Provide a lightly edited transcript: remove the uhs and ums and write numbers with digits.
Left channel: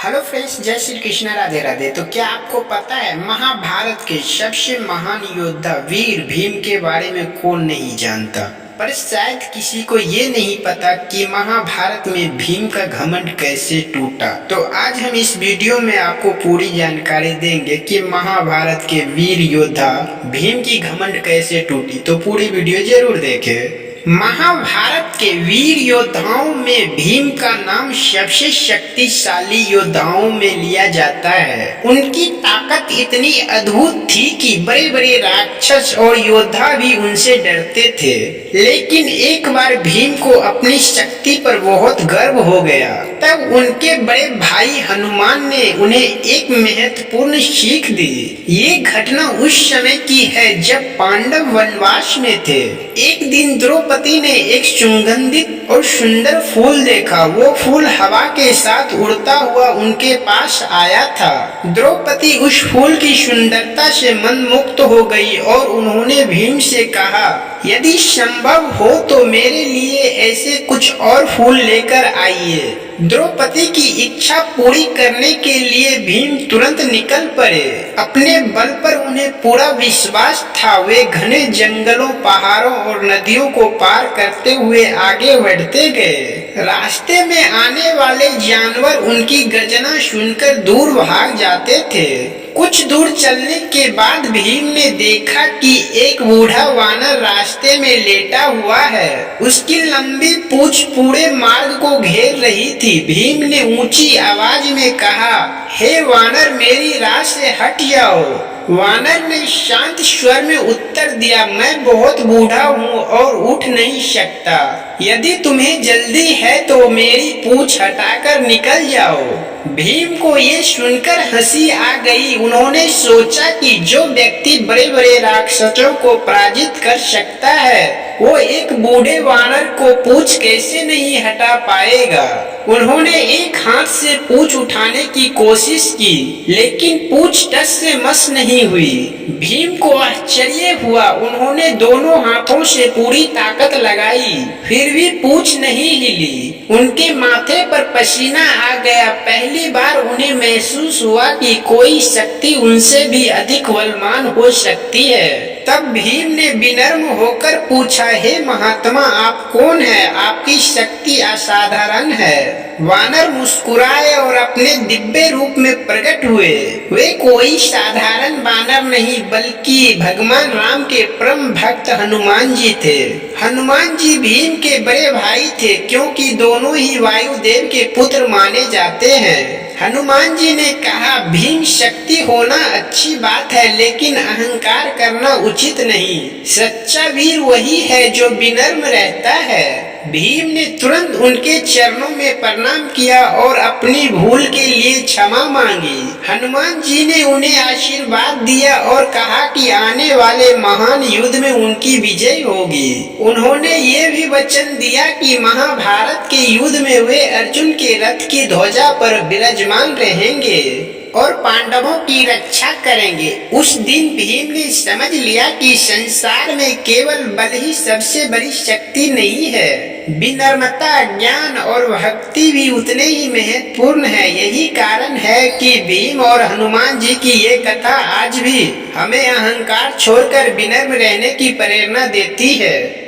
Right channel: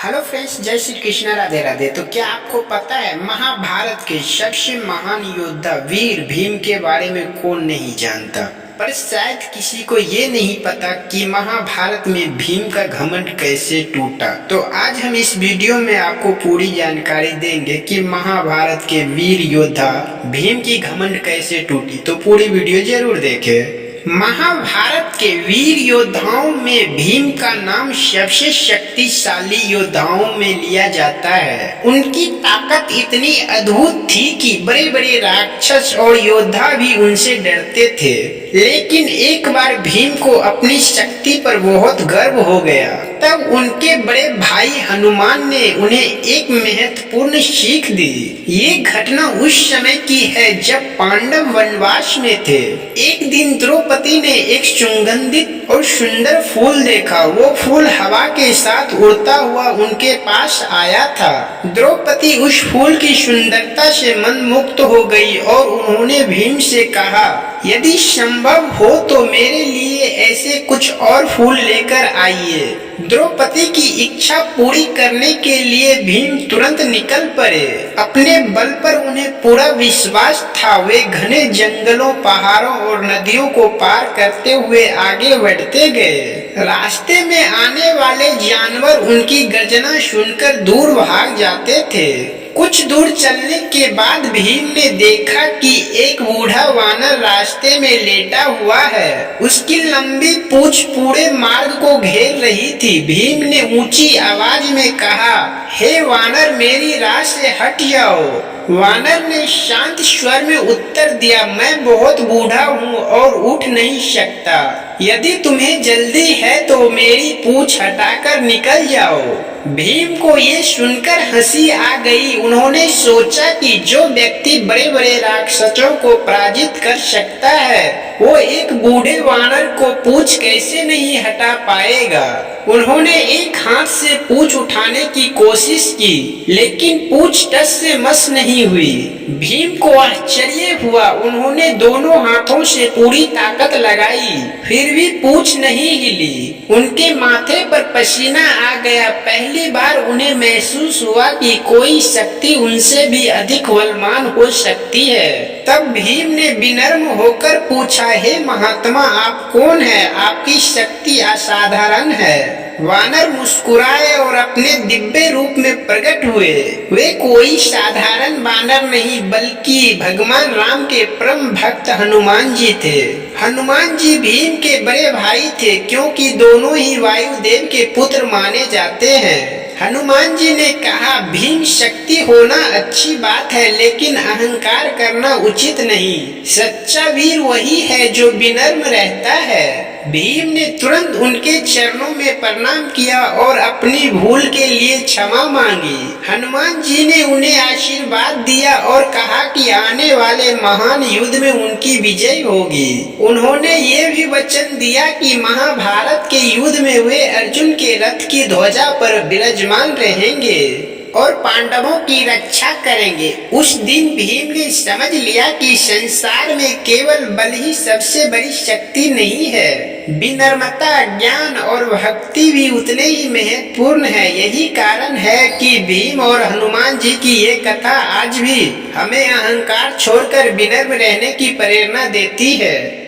Hello friends, जय श्री कृष्ण, राधे राधे। तो क्या आपको पता है महाभारत के सबसे महान योद्धा वीर भीम के बारे में कौन नहीं जानता। पर शायद किसी को ये नहीं पता कि महाभारत में भीम का घमंड कैसे टूटा। तो आज हम इस वीडियो में आपको पूरी जानकारी देंगे कि महाभारत के वीर योद्धा भीम की घमंड कैसे टूटी। तो पूरी वीडियो जरूर देखें। महाभारत के वीर योद्धाओं में भीम का नाम सबसे शक्तिशाली योद्धाओं में लिया जाता है। उनकी ताकत इतनी अद्भुत थी कि बड़े बड़े राक्षस और योद्धा भी उनसे डरते थे। लेकिन एक बार भीम को अपनी शक्ति पर बहुत गर्व हो गया। तब उनके बड़े भाई हनुमान ने उन्हें एक महत्वपूर्ण सीख दी। ये घटना उस समय की है जब पांडव वनवास में थे। एक दिन द्रौपदी ने एक सुगंधित और सुंदर फूल देखा। वो फूल हवा के साथ उड़ता हुआ उनके पास आया था। द्रौपदी उस फूल की सुंदरता से मंत्रमुग्ध हो गई और उन्होंने भीम से कहा, यदि संभव हो तो मेरे लिए ऐसे कुछ और फूल लेकर आइए। द्रौपदी की इच्छा पूरी करने के लिए भीम तुरंत निकल पड़े। अपने बल पर उन्हें पूरा विश्वास था। वे घने जंगलों, पहाड़ों और नदियों को पार करते हुए आगे बढ़ते गए। रास्ते में आने वाले जानवर उनकी गर्जना सुनकर दूर भाग जाते थे। कुछ दूर चलने के बाद भीम ने देखा कि एक बूढ़ा वानर रास्ते में लेटा हुआ है। उसकी लंबी पूंछ पूरे मार्ग को घेर रही थी। भीम ने ऊंची आवाज में कहा, हे वानर, मेरी राह से हट जाओ। वानर ने शांत स्वर में उत्तर दिया, मैं बहुत बूढ़ा हूँ और उठ नहीं सकता। यदि तुम्हें जल्दी है तो मेरी पूंछ हटाकर निकल जाओ। भीम को ये सुनकर हंसी आ गई। उन्होंने सोचा कि जो व्यक्ति बड़े बड़े राक्षसों को पराजित कर सकता है, वो एक बूढ़े वानर को पूंछ कैसे नहीं हटा पाएगा। उन्होंने एक हाथ से पूंछ उठाने की कोशिश की, लेकिन पूंछ टस से मस नहीं हुई। भीम को आश्चर्य हुआ। उन्होंने दोनों हाथों से पूरी ताकत लगाई, फिर भी पूंछ नहीं हिली। उनके माथे पर पसीना आ गया। पहली बार उन्हें महसूस हुआ कि कोई शक्ति उनसे भी अधिक बलवान हो सकती है। तब भीम ने विनम्र होकर पूछा, हे महात्मा, आप कौन है? आपकी शक्ति असाधारण है। वानर मुस्कुराए और अपने दिव्य रूप में प्रकट हुए। वे कोई साधारण वानर नहीं बल्कि भगवान राम के परम भक्त हनुमान जी थे। हनुमान जी भीम के बड़े भाई थे, क्योंकि दोनों ही वायुदेव के पुत्र माने जाते हैं। हनुमान जी ने कहा, भीम, शक्ति होना अच्छी बात है, लेकिन अहंकार करना उचित नहीं। सच्चा वीर वही है जो विनम्र रहता है। भीम ने तुरंत उनके चरणों में प्रणाम किया और अपनी भूल के लिए क्षमा मांगी। हनुमान जी ने उन्हें आशीर्वाद दिया और कहा कि आने वाले महान युद्ध में उनकी विजय होगी। उन्होंने ये भी वचन दिया कि महाभारत के युद्ध में वे अर्जुन के रथ की ध्वजा पर विराजमान रहेंगे और पांडवों की रक्षा करेंगे। उस दिन भीम ने समझ लिया कि संसार में केवल बल ही सबसे बड़ी शक्ति नहीं है। विनम्रता, ज्ञान और भक्ति भी उतने ही महत्वपूर्ण है। यही कारण है कि भीम और हनुमान जी की ये कथा आज भी हमें अहंकार छोड़कर विनम्र रहने की प्रेरणा देती है।